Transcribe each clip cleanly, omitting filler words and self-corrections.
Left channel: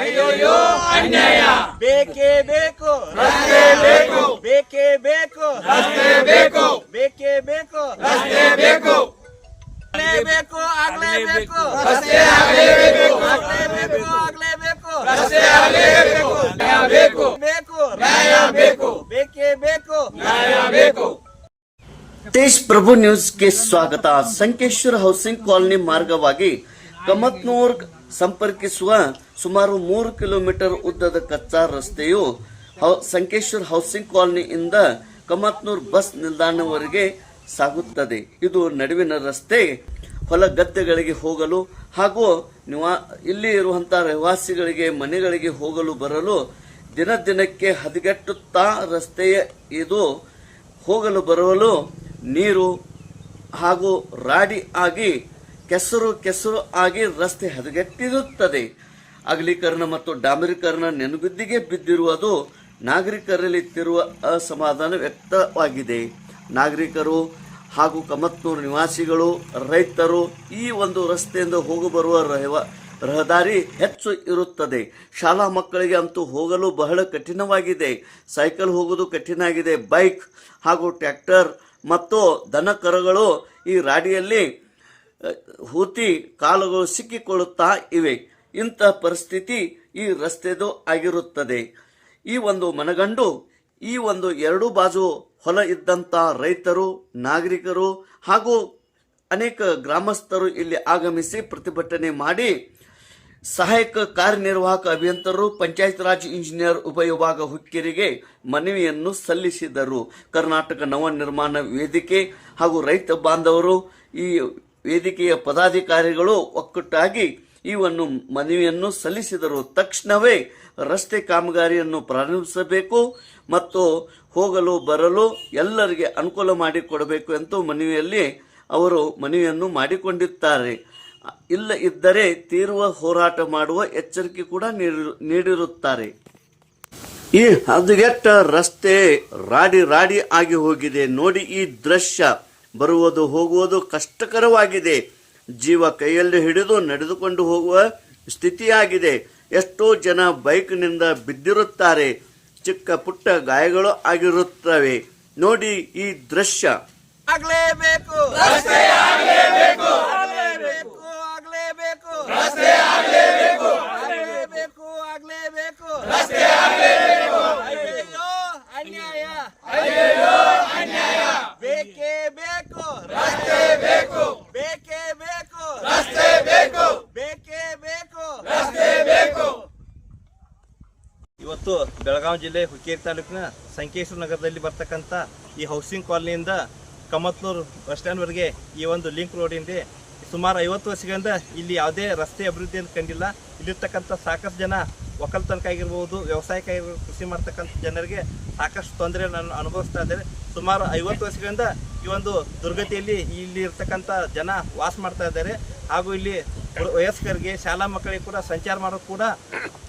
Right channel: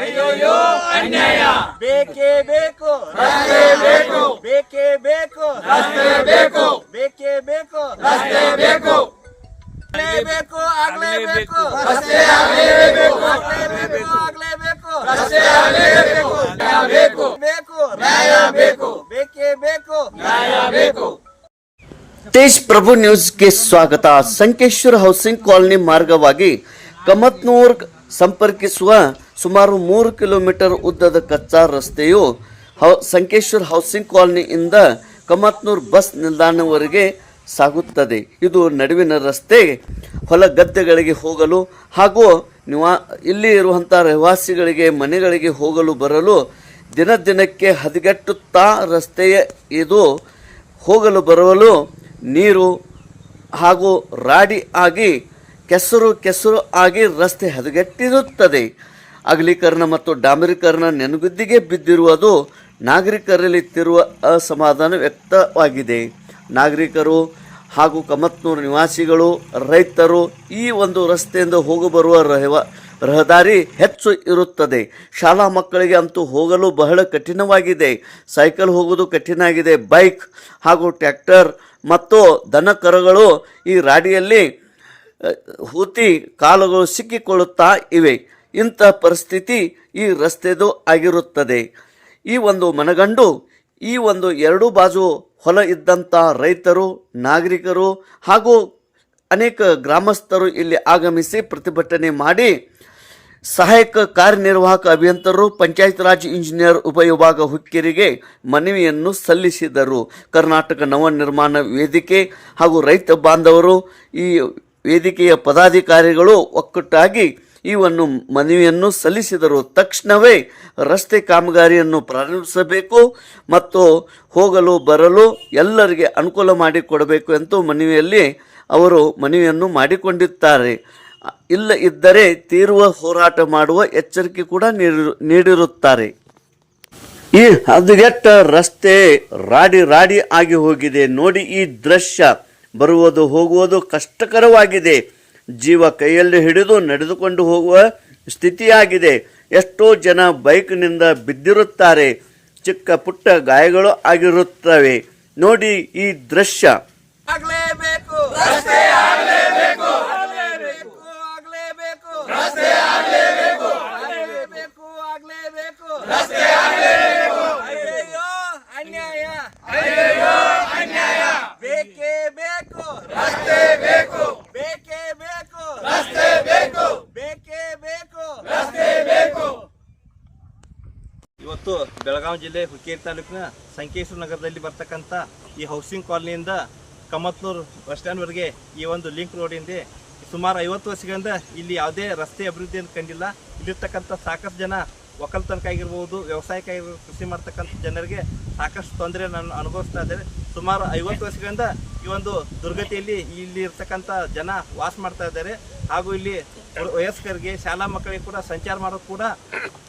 ಅಯ್ಯೋ ಅನ್ಯಾಯ ಬೇಕೇ ಬೇಕು ರಸ್ತೆ ಬೇಕು ಬೇಕೇ ಬೇಕು ರಸ್ತೆ ಬೇಕು ಬೇಕೇ ಬೇಕು ರಸ್ತೆ ಬೇಕು ಆಗ್ಲೇಬೇಕು ಆಗ್ಲೇಬೇಕು ರಸ್ತೆ ಆಗಲೇಬೇಕು ಆಗ್ಲೇಬೇಕು ಆಗ್ಲೇಬೇಕು ರಸ್ತೆ ಆಗಲೇಬೇಕು ನ್ಯಾಯ ಬೇಕು ಬೇಕು ನ್ಯಾಯ ಬೇಕು ಬೇಕೇ ಬೇಕು ನ್ಯಾಯ ಬೇಕು ತೇಜ್ ಪ್ರಭು ನ್ಯೂಸ್ಗೆ ಸ್ವಾಗತ. ಸಂಕೇಶ್ವರ ಹೌಸಿಂಗ್ ಕಾಲನಿ ಮಾರ್ಗವಾಗಿ ಕಮತ್ನೂರ್ ಸಂಪರ್ಕಿಸುವ ಸುಮಾರು 3 ಕಿಲೋಮೀಟರ್ ಉದ್ದದ ಕಚ್ಚಾ ರಸ್ತೆಯು ಸಂಕೇಶ್ವರ ಹೌಸಿಂಗ್ ಕಾಲನಿಯಿಂದ ಕಮತ್ನೂರ್ ಬಸ್ ನಿಲ್ದಾಣವರೆಗೆ ಸಾಗುತ್ತದೆ. ಇದು ನಡುವಿನ ರಸ್ತೆ ಹೊಲ ಗದ್ದೆಗಳಿಗೆ ಹೋಗಲು ಹಾಗೂ ಇಲ್ಲಿ ಇರುವಂತಹ ನಿವಾಸಿಗಳಿಗೆ ಮನೆಗಳಿಗೆ ಹೋಗಲು ಬರಲು ದಿನ ದಿನಕ್ಕೆ ಹದಗೆಟ್ಟುತ್ತಾ ರಸ್ತೆಯ ಇದು ಹೋಗಲು ಬರಲು ನೀರು ಹಾಗೂ ರಾಡಿ ಆಗಿ ಕೆಸರು ಆಗಿ ರಸ್ತೆ ಹದಗೆಟ್ಟಿರುತ್ತದೆ. ಅಗಲೀಕರಣ ಮತ್ತು ಡಾಂಬರೀಕರಣ ನೆನಗುದ್ದಿಗೆ ಬಿದ್ದಿರುವುದು ನಾಗರಿಕರಲ್ಲಿ ತಿರುವ ಅಸಮಾಧಾನ ವ್ಯಕ್ತವಾಗಿದೆ. ನಾಗರಿಕರು ಹಾಗೂ ಕಮತ್ನೂರು ನಿವಾಸಿಗಳು, ರೈತರು ಈ ಒಂದು ರಸ್ತೆಯಿಂದ ಹೋಗಬರುವ ರಹದಾರಿ ಹೆಚ್ಚು ಇರುತ್ತದೆ. ಶಾಲಾ ಮಕ್ಕಳಿಗೆ ಅಂತೂ ಹೋಗಲು ಬಹಳ ಕಠಿಣವಾಗಿದೆ. ಸೈಕಲ್ ಹೋಗೋದು ಕಠಿಣ ಆಗಿದೆ. ಬೈಕ್ ಹಾಗೂ ಟ್ರ್ಯಾಕ್ಟರ್ ಮತ್ತು ದನ ಕರುಗಳು ಈ ರಾಡಿಯಲ್ಲಿ ಹೂತಿ ಕಾಲುಗಳು ಸಿಕ್ಕಿಕೊಳ್ಳುತ್ತಾ ಇವೆ. ಇಂತಹ ಪರಿಸ್ಥಿತಿ ಈ ರಸ್ತೆದು ಆಗಿರುತ್ತದೆ. ಈ ಒಂದು ಮನಗಂಡು ಈ ಒಂದು ಎರಡೂ ಬಾಜು ಹೊಲ ಇದ್ದಂಥ ರೈತರು, ನಾಗರಿಕರು ಹಾಗೂ ಅನೇಕ ಗ್ರಾಮಸ್ಥರು ಇಲ್ಲಿ ಆಗಮಿಸಿ ಪ್ರತಿಭಟನೆ ಮಾಡಿ ಸಹಾಯಕ ಕಾರ್ಯನಿರ್ವಾಹಕ ಅಭಿಯಂತರರು, ಪಂಚಾಯತ್ ರಾಜ್ ಇಂಜಿನಿಯರ್ ಉಪವಿಭಾಗ ಹುಕ್ಕೇರಿಗೆ ಮನವಿಯನ್ನು ಸಲ್ಲಿಸಿದರು. ಕರ್ನಾಟಕ ನವನಿರ್ಮಾಣ ವೇದಿಕೆ ಹಾಗೂ ರೈತ ಬಾಂಧವರು ಈ ವೇದಿಕೆಯ ಪದಾಧಿಕಾರಿಗಳು ಒಕ್ಕೂಟಾಗಿ ಈ ಒಂದು ಮನವಿಯನ್ನು ಸಲ್ಲಿಸಿದರು. ತಕ್ಷಣವೇ ರಸ್ತೆ ಕಾಮಗಾರಿಯನ್ನು ಪ್ರಾರಂಭಿಸಬೇಕು ಮತ್ತು ಹೋಗಲು ಬರಲು ಎಲ್ಲರಿಗೆ ಅನುಕೂಲ ಮಾಡಿಕೊಡಬೇಕು ಎಂದು ಮನವಿಯಲ್ಲಿ ಅವರು ಮನವಿಯನ್ನು ಮಾಡಿಕೊಂಡಿದ್ದಾರೆ. ಇಲ್ಲ ಇದ್ದರೆ ತೀವ್ರ ಹೋರಾಟ ಮಾಡುವ ಎಚ್ಚರಿಕೆ ಕೂಡ ನೀಡಿರುತ್ತಾರೆ. ಈ ಹದಗೆಟ್ಟ ರಸ್ತೆ ರಾಡಿ ಆಗಿ ಹೋಗಿದೆ. ನೋಡಿ, ಈ ದೃಶ್ಯ ಬರುವುದು ಹೋಗುವುದು ಕಷ್ಟಕರವಾಗಿದೆ. ಜೀವ ಕೈಯಲ್ಲಿ ಹಿಡಿದು ನಡೆದುಕೊಂಡು ಹೋಗುವ ಸ್ಥಿತಿಯಾಗಿದೆ. ಎಷ್ಟೋ ಜನ ಬೈಕ್ನಿಂದ ಬಿದ್ದಿರುತ್ತಾರೆ. ಚಿಕ್ಕ ಪುಟ್ಟ ಗಾಯಗಳು ಆಗಿರುತ್ತವೆ. ನೋಡಿ ಈ ದೃಶ್ಯ. ಆಗ್ಲೇಬೇಕು ರಸ್ತೆ ಆಗಲೇಬೇಕು ಆಗ್ಲೇಬೇಕು ಆಗ್ಲೇಬೇಕು ರಸ್ತೆ ಆಗಲೇಬೇಕು ಆಗ್ಲೇಬೇಕು ಆಗ್ಲೇಬೇಕು ರಸ್ತೆ ಆಗಲೇಬೇಕು ಅಯ್ಯೋ ಅನ್ಯಾಯ ಅಯ್ಯೋ ಅನ್ಯಾಯ ಬೇಕೇ ಬೇಕು ರಸ್ತೆ ಬೇಕು ಬೇಕೇ ಬೇಕು ರಸ್ತೆ ಬೇಕು ಬೇಕೇ ಬೇಕು ರಸ್ತೆ ಬೇಕು. ಇವತ್ತು ಬೆಳಗಾವಿ ಜಿಲ್ಲೆ ಹುಕ್ಕೇರಿ ತಾಲೂಕಿನ ಸಂಕೇಶ್ವರ ನಗರದಲ್ಲಿ ಬರ್ತಕ್ಕಂಥ ಈ ಹೌಸಿಂಗ್ ಕಾಲನಿಯಿಂದ ಕಮತ್ನೂರು ಬಸ್ ಸ್ಟ್ಯಾಂಡ್ವರೆಗೆ ಈ ಒಂದು ಲಿಂಕ್ ರೋಡಿಂದ ಸುಮಾರು 50 ವರ್ಷಗಳಿಂದ ಇಲ್ಲಿ ಯಾವುದೇ ರಸ್ತೆ ಅಭಿವೃದ್ಧಿಯನ್ನು ಕಂಡಿಲ್ಲ. ಇಲ್ಲಿರ್ತಕ್ಕಂಥ ಸಾಕಷ್ಟು ಜನ ಒಕ್ಕಲ್ತನಕ್ಕಾಗಿರ್ಬೋದು, ವ್ಯವಸಾಯಕ್ಕಾಗಿರ್ಬೋದು, ಕೃಷಿ ಮಾಡ್ತಕ್ಕಂಥ ಜನರಿಗೆ ಸಾಕಷ್ಟು ತೊಂದರೆಯನ್ನು ಅನುಭವಿಸ್ತಾ ಇದ್ದಾರೆ. ಸುಮಾರು 50 ವರ್ಷಗಳಿಂದ ಈ ಒಂದು ದುರ್ಗತಿಯಲ್ಲಿ ಇಲ್ಲಿ ಇರ್ತಕ್ಕಂಥ ಜನ ವಾಸ ಮಾಡ್ತಾ ಇದ್ದಾರೆ. ಹಾಗೂ ಇಲ್ಲಿ ವಯಸ್ಕರಿಗೆ, ಶಾಲಾ ಮಕ್ಕಳಿಗೆ ಕೂಡ ಸಂಚಾರ ಮಾಡೋದು ಕೂಡ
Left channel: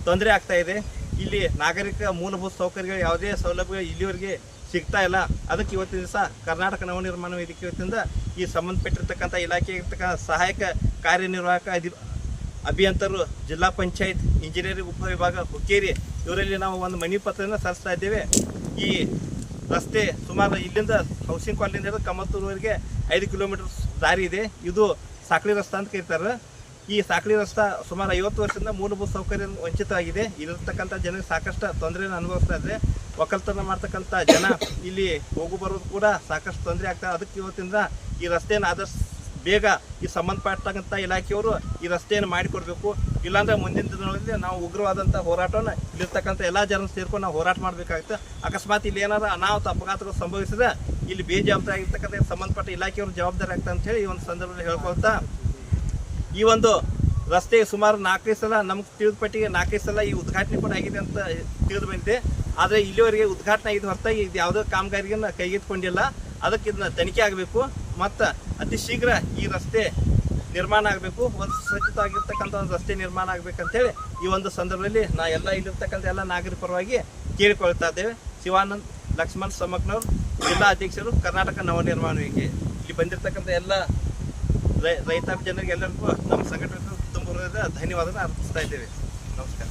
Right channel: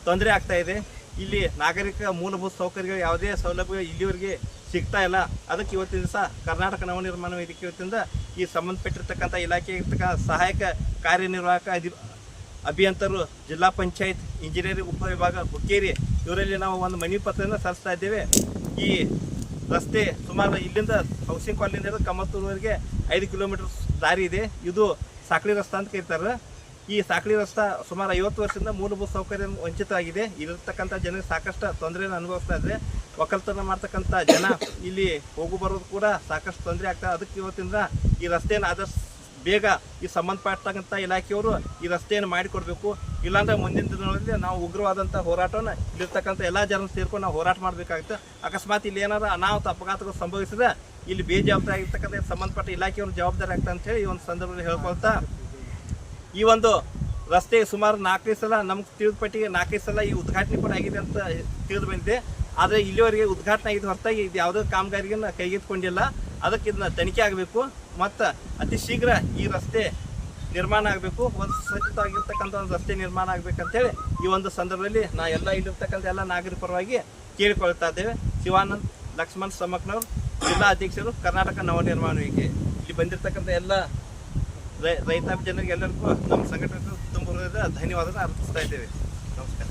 ತೊಂದರೆ ಆಗ್ತಾ ಇದೆ. ಇಲ್ಲಿ ನಾಗರಿಕ ಮೂಲಭೂತ ಸೌಕರ್ಯಗಳು ಯಾವುದೇ ಸೌಲಭ್ಯ ಇಲ್ಲಿವರೆಗೆ ಸಿಗ್ತಾ ಇಲ್ಲ. ಅದಕ್ಕೆ ಇವತ್ತಿನ ದಿವಸ ಕರ್ನಾಟಕ ನವನಿರ್ಮಾಣ ವೇದಿಕೆ ವತಿಯಿಂದ ಈ ಸಂಬಂಧಪಟ್ಟಿರ್ತಕ್ಕಂಥ ಇಲಾಖೆ ಇರ್ತಕ್ಕಂಥ ಸಹಾಯಕ ಕಾರ್ಯನಿರ್ವಾಹಕ ಅಭಿಯಂತರರು, ಜಿಲ್ಲಾ ಪಂಚಾಯತ್ ಇಂಜಿನಿಯರಿಂಗ್ ಉಪವಿಭಾಗ ಹುಕ್ಕೇರಿ ಇವರಲ್ಲಿ ನಾವು ಒಂದು ಮನವಿ ಪತ್ರವನ್ನು ಸಲ್ಲಿಸ್ತಾ ಇದ್ದೇವೆ. ಈ ರಸ್ತೆ ಸುಮಾರು ಇಲ್ಲಿಂದ ಹೌಸಿಂಗ್ ಕಾಲನಿಂದ ಕಮತ್ತೂರುವರೆಗೆ 5 ಕಿಲೋಮೀಟರ್ ದಾರಿ ಇದೆ. ಇದು ಸಾಕಳಿ ರಸ್ತೆ ಅಂತ ಕರೀತಾರೆ. ಈ ಸಾಕಳಿ ರಸ್ತೆ ಸುಮಾರು 50 ವರ್ಷದಿಂದ ಮೂಲಭೂತ ಸೌಕರ್ಯ ವಂಚಿತವಾಗಿದೆ. ಇಲ್ಲಿರ್ತಕ್ಕಂಥ ಜನರಿಗೆ ಸಾಕಷ್ಟು ತೊಂದರೆಯನ್ನು ಅನುಭವಿಸ್ತಾ ಇದ್ದಾರೆ. ಒಕ್ಕಲ್ತನ ಮಾಡ್ತಕ್ಕಂಥ ಜನ ಇಲ್ಲಿ ಹೋಗು ಬರೋದು ಕೂಡ ಸಾಕಷ್ಟು ತೊಂದರೆ ಆಗ್ತದೆ. ಅದಕ್ಕೆ ಇವತ್ತಿಂದ ಈ ರಸ್ತೆಯನ್ನು ಆದಷ್ಟು ಬೇಗ ಈ ಸಂಬಂಧಪಟ್ಟಂಥ ಇಲಾಖೆಯವರು ಈ ರಸ್ತೆಯನ್ನು ಮಾಡಿಕೊಡ್ಬೇಕು. ಇಲ್ಲಾಂದರೆ ಮುಂದಿನ ದಿನಗಳಲ್ಲಿ ನಾವು ಉಗ್ರವಾದಂಥ ಹೋರಾಟವನ್ನು ಇಲ್ಲಿರ್ತಕ್ಕಂಥ ಎಲ್ಲ ಜನ ಸೇರ್ಕೊಂಡು ನಾವು ಹೋರಾಟ ಮಾಡಬೇಕಾಗುತ್ತೆ. ಅಕಸ್ಮಾತ್ ಇಲ್ಲಿ ಏನಾದರೂ ಅನಾಹುತ ಅಪಘಾತಗಳು ಸಂಭವಿಸಿದ್ರೆ ಇಲ್ಲಿ ಬೇಜವಾಬ್ದಾರಿ ಆಗಿರ್ತಕ್ಕಂಥ ಸಂಬಂಧಪಟ್ಟ ಇಲಾಖೆಯವರು ಜವಾಬ್ದಾರಿ ಆಗ್ತದೆ ಅಂತ ಹೇಳಿ ಈ ಒಂದು ಸಂದರ್ಭದಲ್ಲಿ ಹೇಳ್ಕೊಳ್ತಾ, ಈ ಒಂದು ರಸ್ತೆ ಸುಮಾರು 4 ಸಲ ನಮ್ಗೆ ತಿಳಿದ ಪಟ್ಟಿಗೆ 4 ಸಲ ಈ ಉದ್ಘಾಟನೆ ಕೂಡ ಆಗಿದೆ ಅಂತ ತಿಳಿದು ಬಂದಿದೆ. ಆದರೆ ಇಲ್ಲಿವರೆಗೆ ಉದ್ಘಾಟನೆ ಆಗಿದ್ದು ಹೊರತಾಗಿ ಇದು ಯಾವುದೇ ಕಾಮಗಾರಿಯನ್ನು ಕೈಗೆತ್ತಿಕೊಂಡಿಲ್ಲ. ಅದಕ್ಕೆ ಇದನ್ನ ತನಿಖೆ ಆಗಬೇಕು ಮತ್ತು ಅತಿ ಶೀಘ್ರ ಈ ರಸ್ತೆ ನಿರ್ಮಾಣ ಆಗಬೇಕು. ಒಂದು ಸ್ವಚ್ಛವಾಗಿರ್ತಕ್ಕಂಥ ಒಂದು ರಸ್ತೆ ನಿರ್ಮಾಣ ಆಗಬೇಕಂತೇಳಿ ಈ ಒಂದು ಸಂದರ್ಭದಲ್ಲಿ ಇಲ್ಲಿರ್ತಕ್ಕಂಥ ಎಲ್ಲ ನಾಗರಿಕ ಪರವಾಗಿ ಕೇಳಿಕೊಳ್ತಾ ಇದ್ದೇವೆ. ಶಿವಾನಂದ್ ಲಕ್ಷ್ಮಣ್ ಸಮಕ್ನವ್ರು, ಜಿಲ್ಲಾ ಅಧ್ಯಕ್ಷರು, ಕರ್ನಾಟಕ ನವನಿರ್ಮಾಣ ವೇದಿಕೆ. ಇಲ್ಲಿ ಬಂದಿರತಕ್ಕಂಥ ಎಲ್ಲ ರೈತಾಪಿ ಜನರಿಗೆ ಎಲ್ಲರಿಗೂ ನಮ್ಮ ಸಂಘಟನೆ ತುಂಬ ಧನ್ಯವಾದ ಅರ್ಪಿಸ್ತಾ ಇದ್ದೇವೆ. ನಮಸ್ಕಾರ.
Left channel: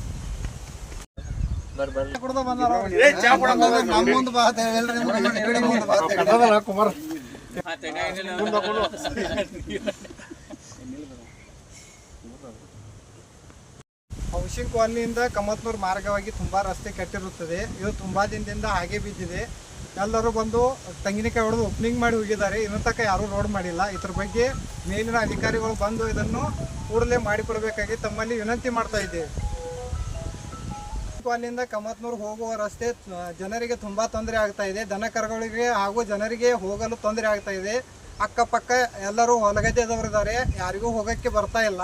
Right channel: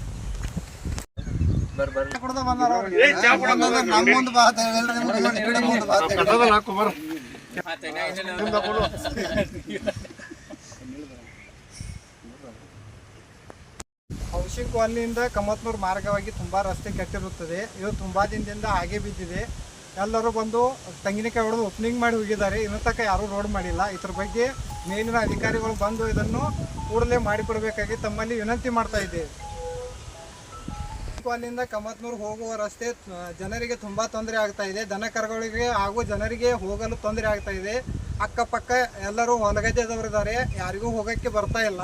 ಹೌಸಿಂಗ್ ಕಾಲನಿಯಿಂದ ಕಮತ್ನೂರು ಮಾರ್ಗವಾಗಿ ತುಂಬ ರಸ್ತೆ ಕೆಟ್ಟಿರುತ್ತದೆ. ಇದು ತುಂಬ ದಿನದಿಂದ ಹಾಗೆ ಬಿದ್ದಿದೆ. ಎಲ್ಲರೂ ಬಂದು ತೆಂಗಿನಕಾಯಿ ಹೊಡೆದು ಓಪನಿಂಗ್ ಮಾಡಿ ಹೋಗಿದ್ದಾರೆ. ಇನ್ನೂ ತನಕ ಯಾರೂ ರೋಡ್ ಮಾಡಿಲ್ಲ. ಇದ್ರ ಬಗ್ಗೆ ಮೇಲಿನ ಅಧಿಕಾರಿಗಳು ಬಂದು ಇದನ್ನು ಕೂಡಲೇ ಮಾಡಿಕೊಡಬೇಕಾಗಿ ತಮ್ಮಲ್ಲಿ ವಿನಂತಿ ಮಾಡ್ತಾ ಇದ್ದೇವೆ. ಕಾಲನಿಂದ ಕಮತ್ನೂರು ಹೋಗುವ ರಸ್ತೆ ಜನರಿಗೆ ತುಂಬ ತೊಂದರೆ ಆಗ್ತಾ ಇದೆ. ದನ ಕರುಗಳಿಗೆ ಹಾಗೂ ಜನರಿಗೆ ಹೋಗಲು ತೊಂದರೆ ಆಗ್ತಾ ಇದೆ. ಅಕ್ಕಪಕ್ಕ ಎಲ್ಲರೂ ಹೊಲಗದ್ದೆದವರಿದ್ದಾರೆ, ಯಾರಿಗೂ ಹೋಗೋಕ್ಕೆ ಬರ್ತಾ ಇಲ್ಲ.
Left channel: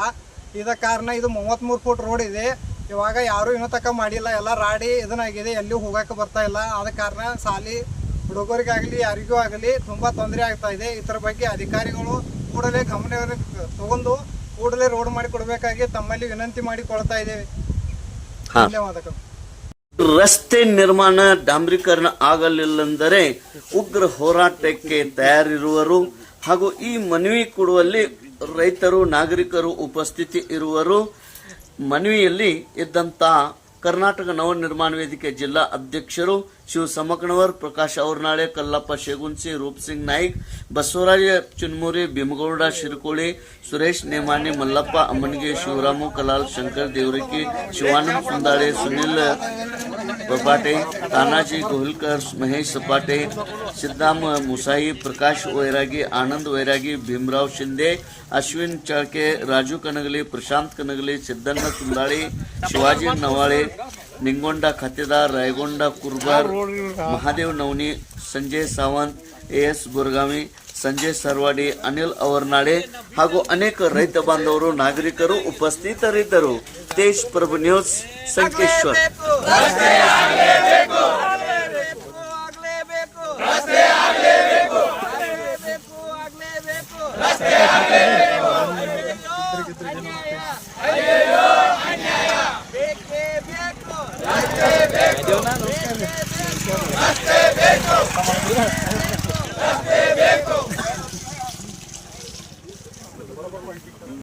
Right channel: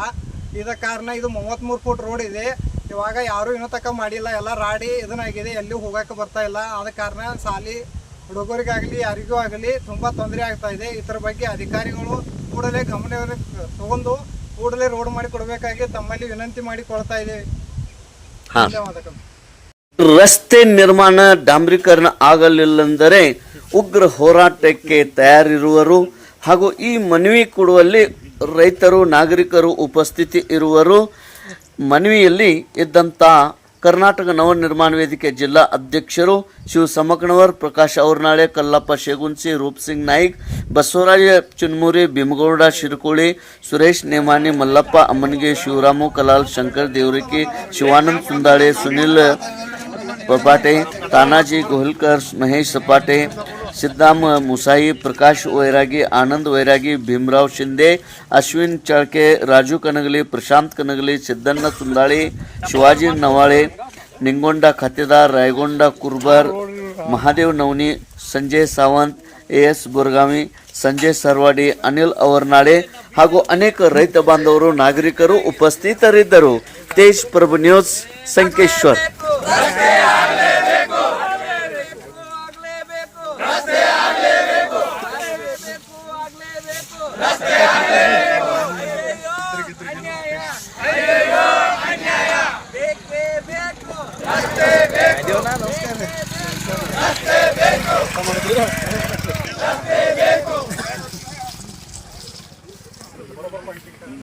ಇದ ಕಾರಣ ಇದು 33 ಫುಟ್ ರೋಡ್ ಇದೆ. ಇವಾಗ ಯಾರೂ ಇನ್ನೂ ತನಕ ಮಾಡಿಲ್ಲ, ಎಲ್ಲ ರಾಡಿ ಇದನ್ನಾಗಿದೆ, ಎಲ್ಲಿಯೂ ಹೋಗೋಕ್ಕೆ ಬರ್ತಾ ಇಲ್ಲ. ಆದ ಕಾರಣ ಸಾಲಿ ಹುಡುಗರಿಗಾಗಲಿ ಯಾರಿಗೂ ಆಗಲಿ ತುಂಬ ತೊಂದರೆ ಆಗ್ತಾ ಇದೆ. ಇದರ ಬಗ್ಗೆ ಅಧಿಕಾರಿಗಳು ಕೂಡಲೇ ಗಮನ ತಗೊಂಡು ಕೂಡಲೇ ರೋಡ್ ಮಾಡಿ ಕೊಡಬೇಕಾಗಿ ತಮ್ಮಲ್ಲಿ ವಿನಂತಿ ಮಾಡಿಕೊಳ್ತಾ ಇದ್ದೇವೆ. ಧನ್ಯವಾದಗಳು. ರಸ್ತೆ ನಿರ್ಮಾಣ ಡಾಂಬರೀಕರಣ ಆಗಲಿಲ್ಲಂದರೆ ಉಗ್ರ ಹೋರಾಟಕ್ಕೆ ತಯಾರಿರುವರು ಹಾಗೂ ಈ ಮನವಿ ಕೊಡುವಲ್ಲಿ ರೈತರು ನಾಗರಿಕರು ಉಪಸ್ಥಿತಿ ಇರುವರು. ಮನವಿಯಲ್ಲಿ ಇದ್ದಂಥ ಕರ್ನಾಟಕ ನವ ನಿರ್ಮಾಣ ವೇದಿಕೆ ಜಿಲ್ಲಾ ಅಧ್ಯಕ್ಷರು ಶಿವ ಸಮಕಣವರ್, ಪ್ರಕಾಶ್ ಔರ್ನಾಳೆ, ಕಲ್ಲಪ್ಪ ಶೇಗುನ್ಸಿ, ರೂಪ್ ಸಿಂಗ್ ನಾಯ್ಕ್, ಬಸವರಾಜ ಚುನ್ಮುರಿ, ಭೀಮಗೌಡ ಶಿರಕೋಳಿ, ಸುರೇಶ್ ನೇಮಾನಿ, ಮಲ್ಲಪ್ಪ ಅಮ್ಮನಿಗೆ, ಶಿವರಾಮು ಕಲಾಲ್, ಶಂಕರ್ ದೇವರಿಕಿ, ಶಿವಾನಂದ್ ಸುಂದಾಳೆ, ಸುನಿಲ್ ಪಪಾಟೆ, ತಾನಾಜಿ ಗೋಹಿಲ್ಕರ್, ಮಹೇಶ್ ಸಪಾಟೆ, ಸಿದ್ದಾಮ್ ಮುಸಾಯಿ, ಪ್ರಕಾಶ್ ವೈರಾಗಿ, ಆನಂದ್ ವೈರಾಗಿ, ಭೀಮರಾವ್ ಶಿಂದೆ, ಅಶ್ವಿನ್ ಚಾಳ್ಕೆ, ರಾಜು ಕನಗಲಿ, ಪ್ರಶಾಂತ್ ಕನಗಲಿ, ಸಿದ್ದಣ್ಣ ಸುಂದಾಳಿ, ಶಿವಾಜಿ ನವಾಳೆ, ನಿಂಗೊಂಡ ಖಾತೆದಾರ್, ರಾಯಗೊಂಡ ಕುರ್ಬರ್, ಮಹಾದೇವ್ ನವನಿ, ಸಂಜಯ್ ಸಾವಂತ್, ಎಸ್ ಬುರ್ಗಾವಿ, ಸಂಜಯ್ ಸರ್ವಾಡಿ, ಅನಿಲ್ ಅವರ್ನಾಳೆ ಹಾಗೂ ಅನೇಕ ರೈತ ಬಾಂಧವರು ನಾಗರಿಕರು ಉಪಸ್ಥಿತರಿದ್ದರು. ತೇಜ್ ಪ್ರಭು ನ್ಯೂಸ್, ಸಂಕೇಶ್ವರ್. ಬೇಕು